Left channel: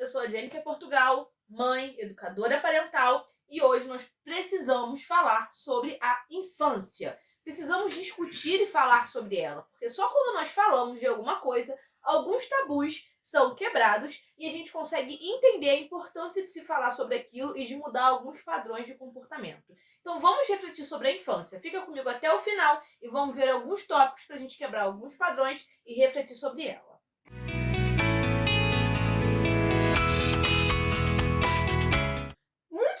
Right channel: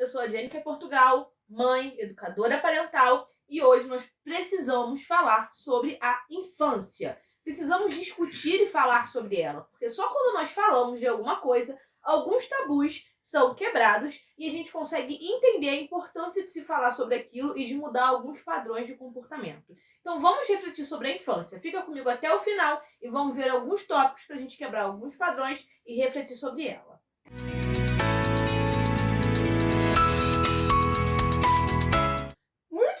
eu sou a Jennifer Portugal, mãe, educadora parental, e hoje nós precisamos falar sobre a infância. Precisamos discutir e falar sobre ela, porque só quando nós falamos de alguma coisa, alguns tabus são quebrados e a gente consegue entender a importância de se falar sobre aquilo e de mudar alguns padrões de comportamento. Então vamos refletir sobre a infância. Fica comigo até o final e vamos ver alguns tópicos para a gente quebrar alguns padrões e refletir sobre ela.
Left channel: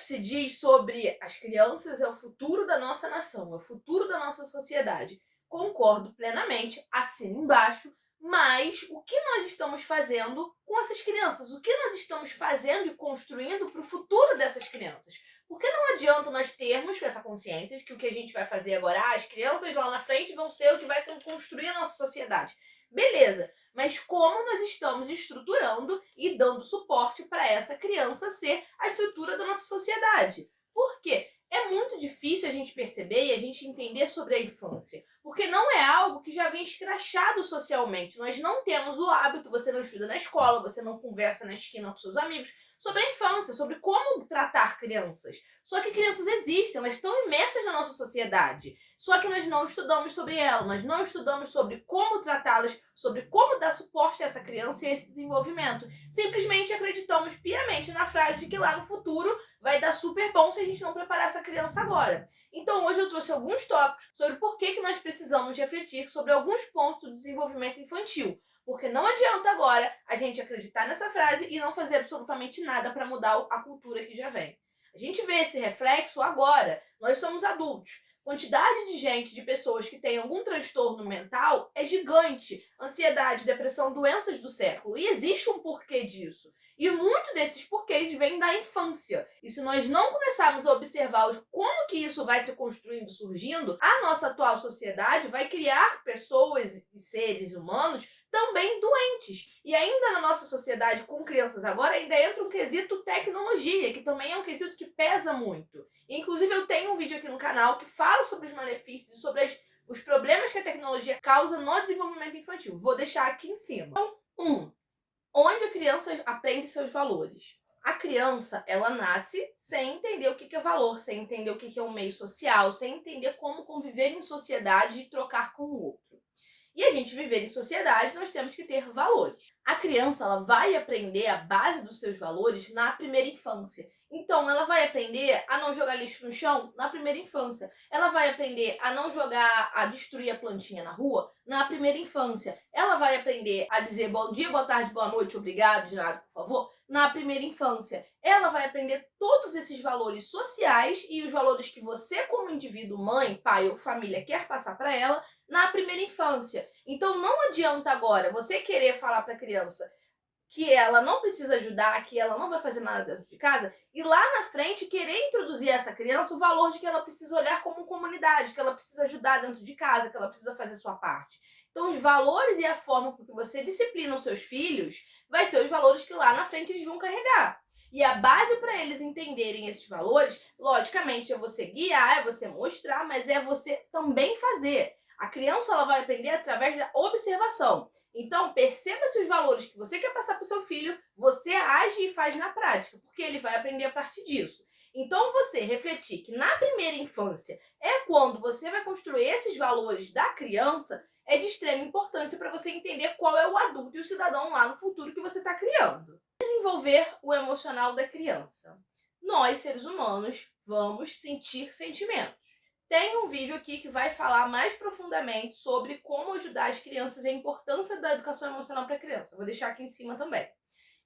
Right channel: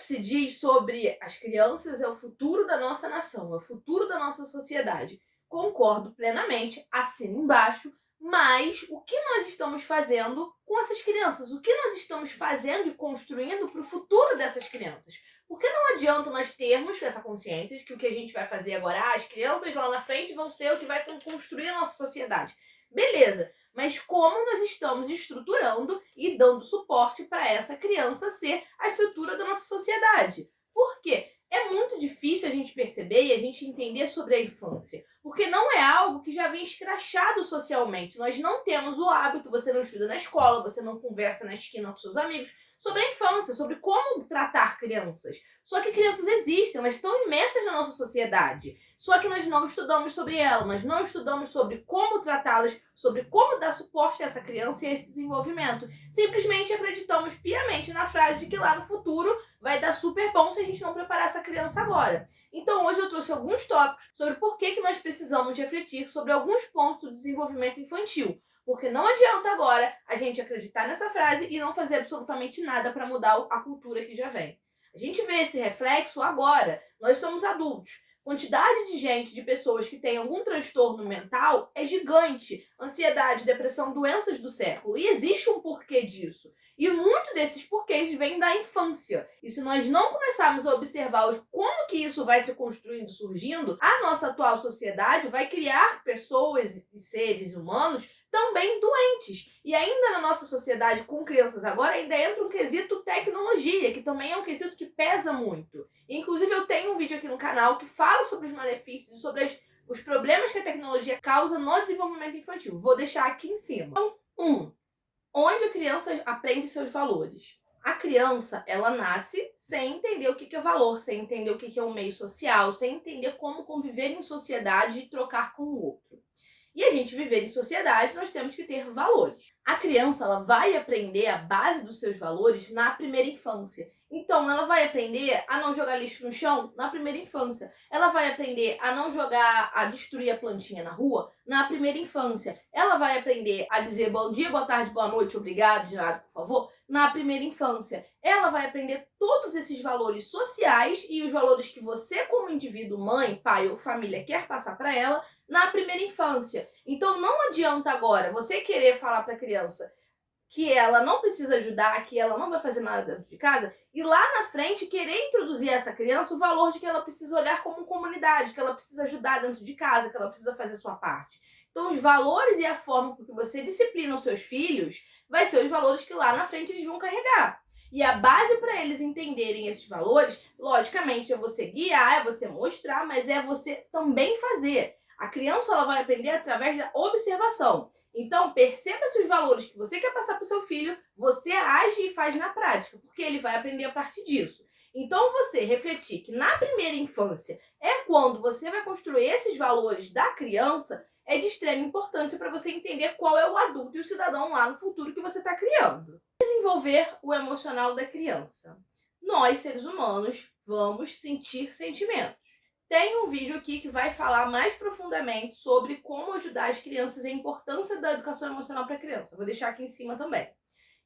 Muito se diz sobre as crianças é o futuro da nossa nação, é o futuro da nossa sociedade. Concordo plenamente, assino embaixo, mas o que nós estamos fazendo com essas crianças? O que nós estamos fazendo e construindo para o futuro dessas crianças? Porque não adianta nós termos essa consciência de que o que a gente vai fazer agora, as crianças lá na frente vão ser o que vai construir a nossa sociedade. Beleza, mas como nós estamos estruturando e dando suporte para essa criança ser a estrutura da nossa sociedade? Por quê? É muito difícil a gente perceber e a gente entender sobre a infância, porque não é algo que já vem escrachado socialmente. Nós não temos o hábito, você não estuda na escola, você não conversa na esquina com seus amigos sobre a infância, sobre como tratar crianças. Só que crianças existem, elas estão imersas na nossa sociedade. Só que nós não estudamos sobre ela, nós não estudamos sobre como tratá-las, sobre como dar suporte a essa criança e a esse desenvolvimento. Simplesmente acreditamos piamente na frase de que lá no futuro vai dar super bom se a gente não preparar essa criança agora. Então hoje eu trouxe alguns tópicos sobre por que nós precisamos refletir sobre alguns pontos do desenvolvimento infantil. Porque não adianta agora a gente acreditar nessa frase e não fazer absolutamente nada para mudar a cultura que já vem. A gente vê esse reflexo agora. Nós somos adultos. Quantidade de gente, de pessoas que têm algum transtorno mental é gigante. Ansiedade, depressão, doenças do século. E existe um porquê disso. E muito desses porquês vêm da infância. E se nós não começarmos a observar como que isso vai se construindo, surgindo, a nossa atual sociedade vai criar pessoas e seres humanos também doentes. E ainda na nossa sociedade com crianças agora, ainda entra um quesito tecnologia, que também é um quesito que pesa muito. Inclusive eu tenho um vídeo aqui no canal que fala sobre os malefícios e sobre os problemas que a tecnologia causa no desenvolvimento infantil. Vou deixar aqui em cima. Então, onde a criança aprende seus valores? A criança, ela nasce sem entender o que é valor, sem entender o que é um meio social, sem entender como conviver em sociedade e trocar com o outro. E a gente viver em sociedade, nós temos que ter valores. A criança, ela vai aprender a base dos seus valores na primeira infância. Então, ela vai aprender a não jogar lixo no chão na primeira infância. Ela vai aprender a não jogar, a destruir a plantinha na rua na primeira infância. Ela vai aprender a dizer bom dia, boa tarde, boa noite, obrigado, de nada, por favor, na primeira infância. Ela vai aprender todos esses valores sociais e os valores que você, como indivíduo, mãe, pai ou família, quer passar para ela na primeira infância. Então não adianta agora você querer falar para a criança que ela não precisa ajudar, que ela não vai fazer nada dentro de casa, e lá na frente querer introduzir a essa criança o valor de que ela precisa olhar como comunidade, que ela precisa ajudar dentro de casa, que ela precisa fazer a sua parte. Então os valores e a forma com que você disciplina os seus filhos vai ser os valores que lá na frente eles vão carregar. E a base para eles entenderem esses valores, logicamente, é você guiar, é você mostrar, mas é você também fazer. A criança, ela vai aprender através da observação. Então, perceba se os valores que você quer passar para o seu filho, você age e faz na prática, porque ele vai aprender a partir disso. Então, você refletir que na primeira infância é quando você vai construir esses valores da criança, é de extrema importância para você entender qual é o adulto e o cidadão lá no futuro que você está criando. Desenvolver o emocional da criança. Nós, seres humanos, vamos sentir sentimentos. Tem um vídeo aqui que vai falar mais profundamente sobre como ajudar as crianças e a importância da educação emocional para a criança. Vou deixar aqui em cima também.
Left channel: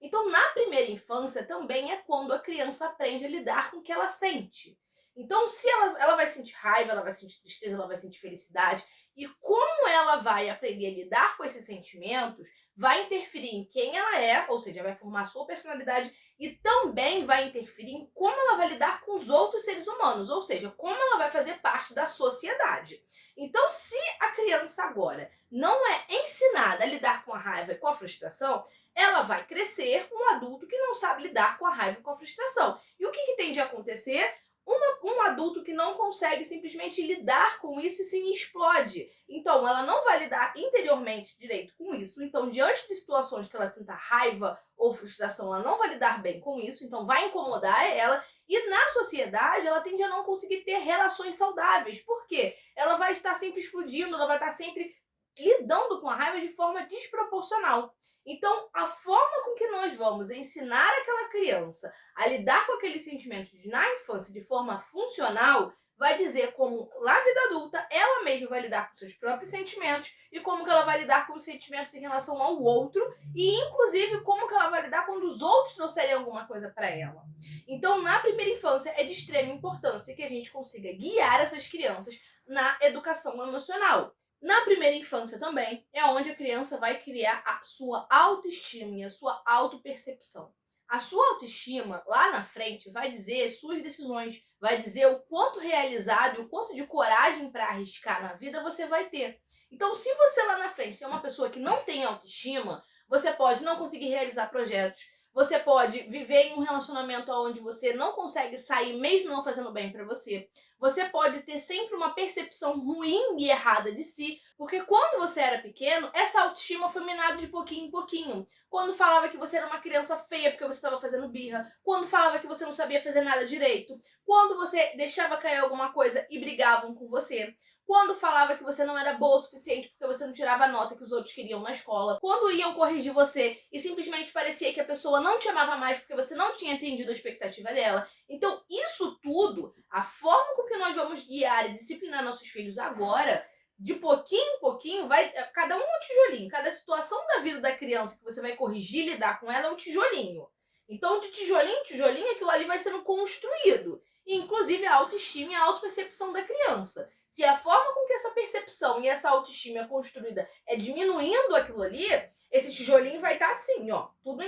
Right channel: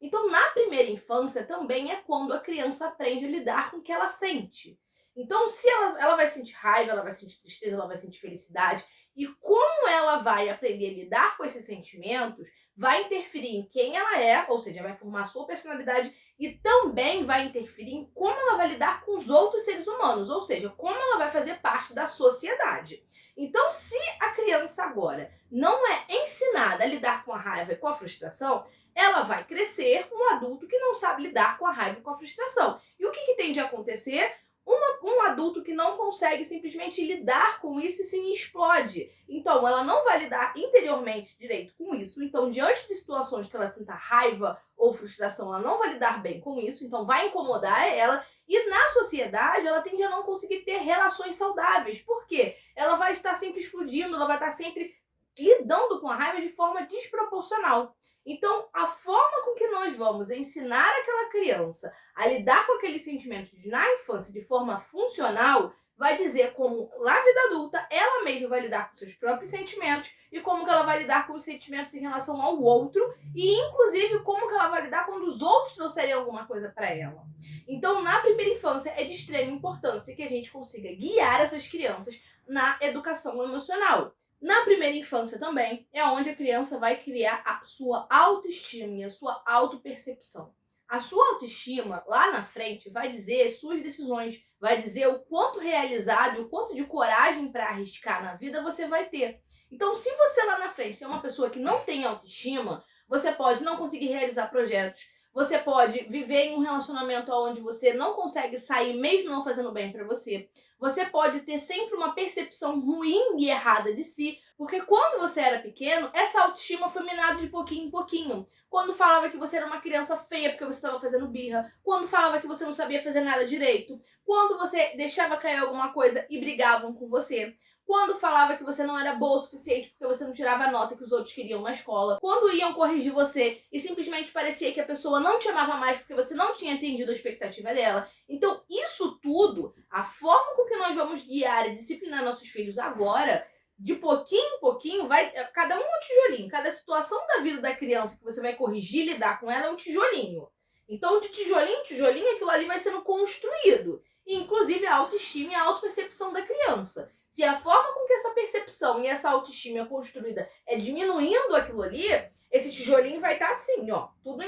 Então, na primeira infância também é quando a criança aprende a lidar com o que ela sente. Então, se ela vai sentir raiva, ela vai sentir tristeza, ela vai sentir felicidade. E como ela vai aprender a lidar com esses sentimentos, vai interferir em quem ela é, ou seja, vai formar a sua personalidade e também vai interferir em como ela vai lidar com os outros seres humanos, ou seja, como ela vai fazer parte da sociedade. Então, se a criança agora não é ensinada a lidar com a raiva e com a frustração, ela vai crescer um adulto que não sabe lidar com a raiva e com a frustração. E o que tem de acontecer? Um adulto que não consegue simplesmente lidar com isso e sim explode. Então, ela não vai lidar interiormente direito com isso. Então, diante de situações que ela sinta raiva ou frustração, ela não vai lidar bem com isso. Então, vai incomodar ela. E na sociedade, ela tende a não conseguir ter relações saudáveis. Por quê? Ela vai estar sempre explodindo, ela vai estar sempre lidando com a raiva de forma desproporcional. Então, a forma com que nós vamos ensinar aquela criança a lidar com aqueles sentimentos na infância de forma funcional vai dizer como, na vida adulta, ela mesma vai lidar com seus próprios sentimentos e como que ela vai lidar com os sentimentos em relação ao outro e, inclusive, como que ela vai lidar quando os outros trouxerem alguma coisa para ela. Então, na primeira infância, é de extrema importância que a gente consiga guiar essas crianças na educação emocional. Na primeira infância também é onde a criança vai criar a sua autoestima e a sua autopercepção. A sua autoestima, lá na frente, vai dizer suas decisões, vai dizer o quanto realizado e o quanto de coragem para arriscar na vida você vai ter. Então, se você lá na frente é uma pessoa que não tem autoestima, você pode não conseguir realizar projetos, você pode viver em um relacionamento onde você não consegue sair mesmo não fazendo bem para você. Você pode ter sempre uma percepção ruim e errada de si, porque quando você era pequeno, essa autoestima foi minada de pouquinho em pouquinho. Quando falava que você era uma criança feia porque você estava fazendo birra, quando falava que você não sabia fazer nada direito, quando você deixava cair alguma coisa e brigavam com você, quando falava que você não era boa o suficiente porque você não tirava a nota que os outros queriam na escola, quando iam corrigir você e simplesmente parecia que a pessoa não te amava mais porque você não tinha atendido a expectativa dela. Então, isso tudo, a forma com que nós vamos guiar e disciplinar nossos filhos agora, de pouquinho em pouquinho, vai cada um um tijolinho. Cada situação da vida da criança que você vai corrigir e lidar com ela é um tijolinho. Então, de tijolinho em tijolinho, aquilo ali vai sendo construído. E, inclusive, a autoestima e a autopercepção da criança. Se a forma com que essa percepção e essa autoestima é construída é diminuindo aquilo ali, esse tijolinho vai estar assim, ó, tudo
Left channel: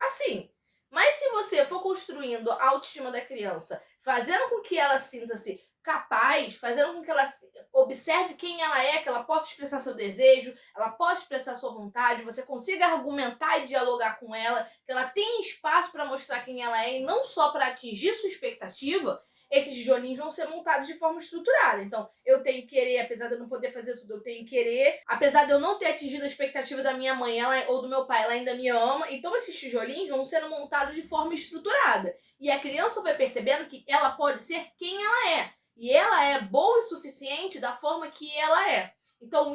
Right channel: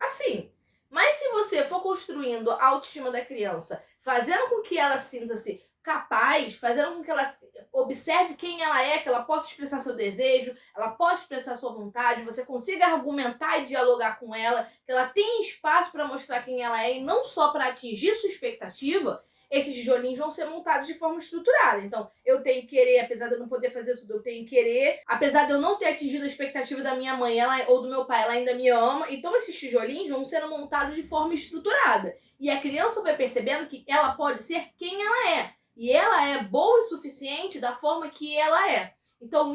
assim. Mas se você for construindo a autoestima da criança, fazendo com que ela sinta-se capaz, fazendo com que ela observe quem ela é, que ela possa expressar seu desejo, ela possa expressar sua vontade, você consiga argumentar e dialogar com ela, que ela tenha espaço para mostrar quem ela é e não só para atingir sua expectativa, esses tijolinhos vão ser montados de forma estruturada. Então, eu tenho que querer, apesar de eu não poder fazer tudo, eu tenho que querer. Apesar de eu não ter atingido a expectativa da minha mãe ou do meu pai, ela ainda me ama. Então, esses tijolinhos vão sendo montados de forma estruturada. E a criança vai percebendo que ela pode ser quem ela é. E ela é boa o suficiente da forma que ela é. Então,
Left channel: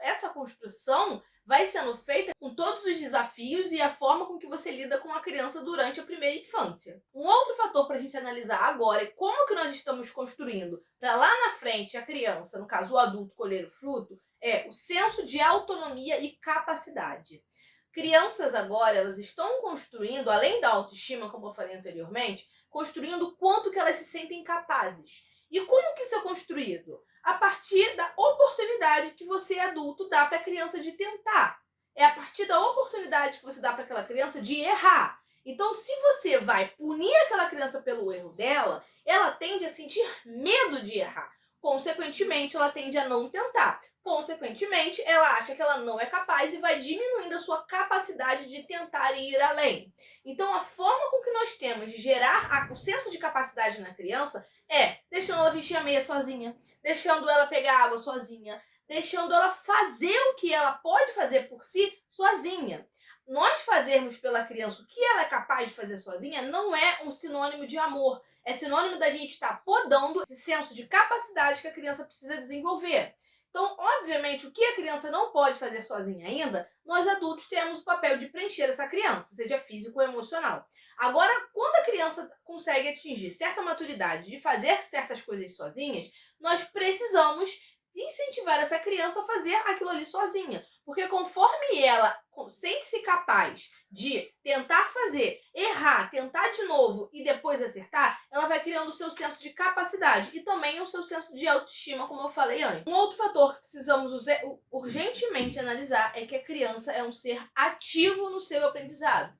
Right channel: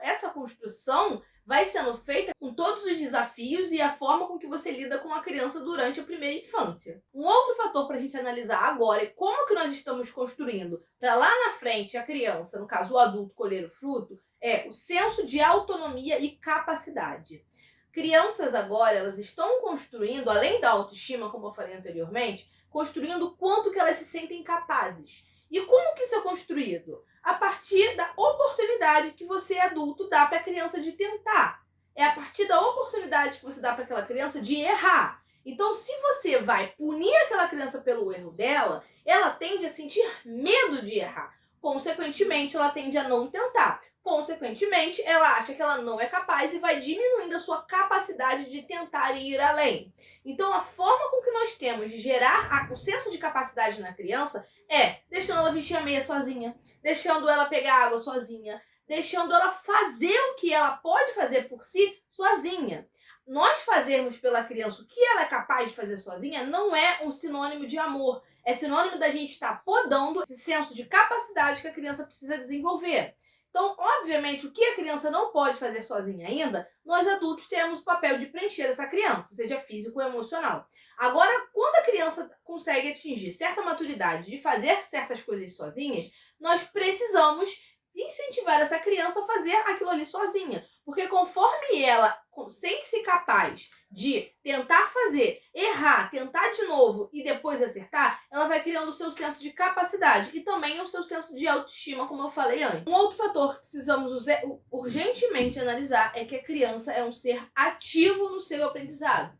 essa construção vai sendo feita com todos os desafios e a forma com que você lida com a criança durante a primeira infância. Um outro fator para a gente analisar agora é como que nós estamos construindo para lá na frente a criança, no caso o adulto, colher o fruto, é o senso de autonomia e capacidade. Crianças agora, elas estão construindo, além da autoestima, como eu falei anteriormente, construindo o quanto que elas se sentem capazes. E como que isso é construído? A partir da oportunidade que você, adulto, dá para a criança de tentar. É a partir da oportunidade que você dá para aquela criança de errar. Então, se você vai punir aquela criança pelo erro dela, ela tende a sentir medo de errar. Consequentemente, ela tende a não tentar. Consequentemente, ela acha que ela não é capaz e vai diminuindo a sua capacidade de tentar e ir além. Então, a forma com que nós temos de gerar o senso de capacidade na criança é deixando ela vestir a meia sozinha, deixando ela pegar água sozinha, deixando ela fazer o que ela pode fazer por si sozinha. Nós fazermos pela criança o que ela é capaz de fazer sozinha não é um sinônimo de amor. É sinônimo da gente estar podando esse senso de capacidade que a criança precisa desenvolver. Então, obviamente, o que a criança não pode fazer sozinha ainda, nós adultos temos o papel de preencher essa criança, seja físico ou emocional. Agora, quando a criança consegue atingir certa maturidade de fazer certas coisas sozinhas, nós precisamos incentivar essa criança a fazer aquilo ali sozinha. Porque conforme ela sente-se capaz de tentar fazer, errar, tentar de novo e depois acertar, ela vai criando o seu senso de capacidade e também o seu senso de autoestima, como eu falei antes. Um outro fator que precisamos urgentemente analisar é que a criança é um ser ativo no seu aprendizado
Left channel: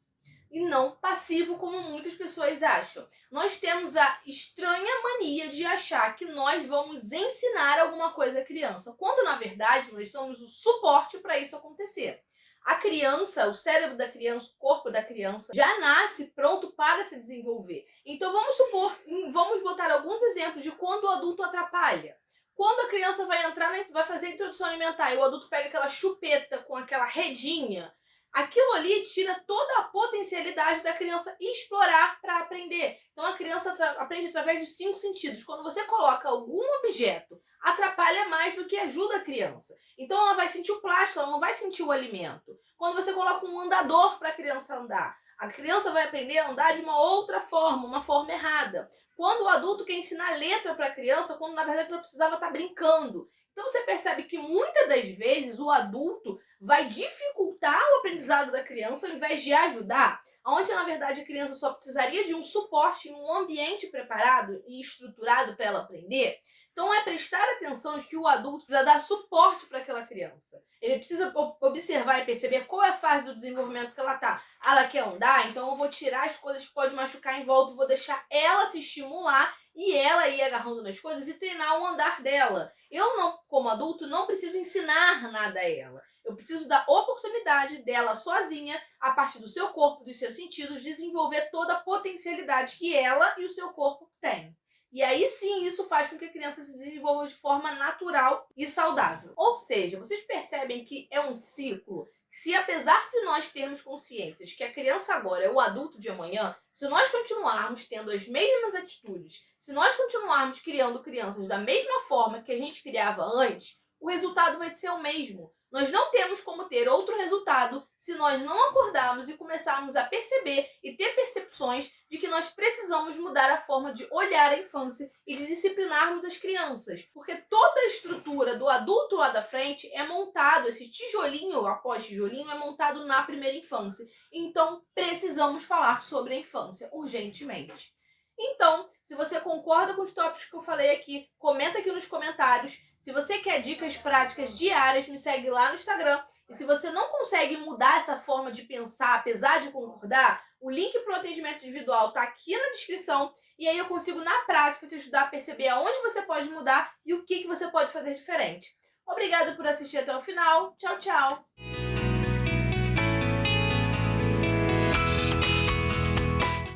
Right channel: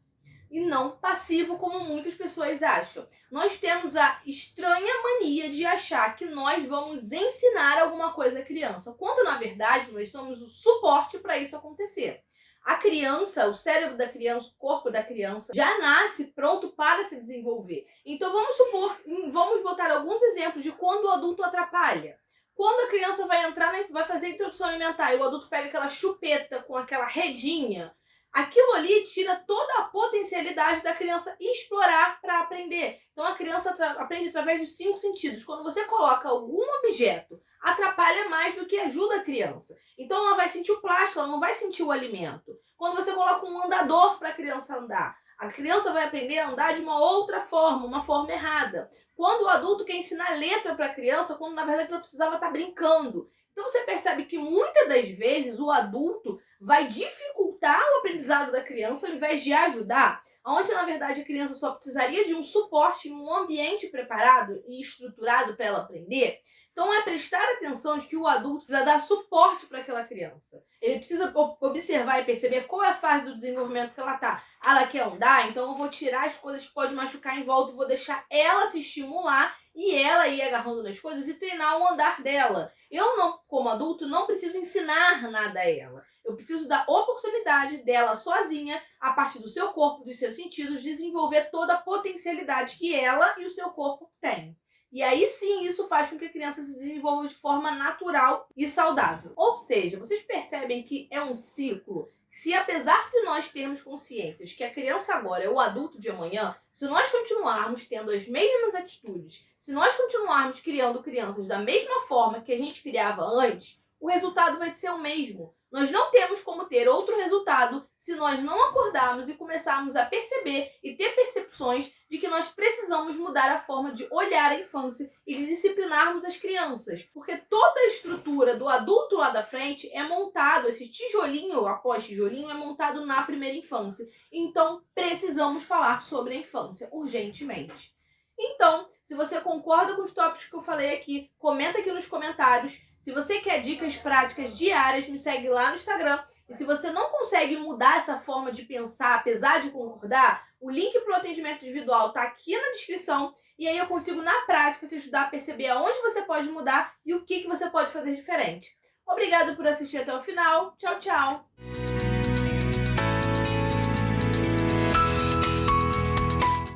e não passivo, como muitas pessoas acham. Nós temos a estranha mania de achar que nós vamos ensinar alguma coisa à criança, quando na verdade nós somos o suporte para isso acontecer. A criança, o cérebro da criança, o corpo da criança já nasce pronto para se desenvolver. Então vamos botar alguns exemplos de quando o adulto atrapalha. Quando a criança vai entrar, vai fazer a introdução alimentar e o adulto pega aquela chupeta com aquela redinha, aquilo ali tira toda a potencialidade da criança explorar para aprender. Então a criança aprende através dos 5 sentidos. Quando você coloca algum objeto, atrapalha mais do que ajuda a criança. Então ela vai sentir o plástico, ela não vai sentir o alimento. Quando você coloca um andador para a criança andar, a criança vai aprender a andar de uma outra forma, uma forma errada. Quando o adulto quer ensinar letra para a criança, quando na verdade ela precisava estar brincando. Então você percebe que muitas das vezes o adulto vai dificultar o aprendizado da criança ao invés de ajudar, onde na verdade a criança só precisaria de um suporte em um ambiente preparado e estruturado para ela aprender. Então é prestar atenção de que o adulto precisa dar suporte para aquela criança. Ele precisa observar e perceber qual é a fase do desenvolvimento que ela está. Ela quer andar, então eu vou tirar as coisas que podem machucar em volta, vou deixar ela se estimular e ela ir agarrando nas coisas e treinar o andar dela. Eu não, como adulto, não preciso ensinar nada a ela. Eu preciso dar oportunidade dela sozinha, a partir do seu corpo, dos seus sentidos, desenvolver toda a potencialidade que ela e o seu corpo têm. E aí sim, isso faz com que a criança se desenvolva de forma natural e saudável. Ou seja, vocês percebem que é um ciclo. Se apesar de nós termos consciências que a criança agora é o adulto de amanhã, se nós continuarmos tendo as mesmas atitudes, se nós continuarmos criando crianças da mesma forma que a gente criava antes, o resultado vai ser o mesmo. Nós não temos como ter outro resultado se nós não acordarmos e começarmos a perceber e ter percepções de que nós precisamos mudar a forma de olhar a infância e de disciplinarmos as crianças. Porque toda a estrutura do adulto lá da frente é montado, esse tijolinho após tijolinho é montado na primeira infância. Então, precisamos falar sobre a infância urgentemente. Então, se você concorda com os tópicos que eu falei aqui, comenta aqui nos comentários. Se você quer dicas práticas diárias, me segue lá no Instagram. E se você não consegue mudar essa forma de pensar, apesar de concordar, o link para o atendimento individual está aqui na descrição. E aí eu consigo, na prática, te ajudar a perceber aonde você pode mudar e o que você pode fazer diferente. Obrigada por assistir até o final. Tchau, tchau!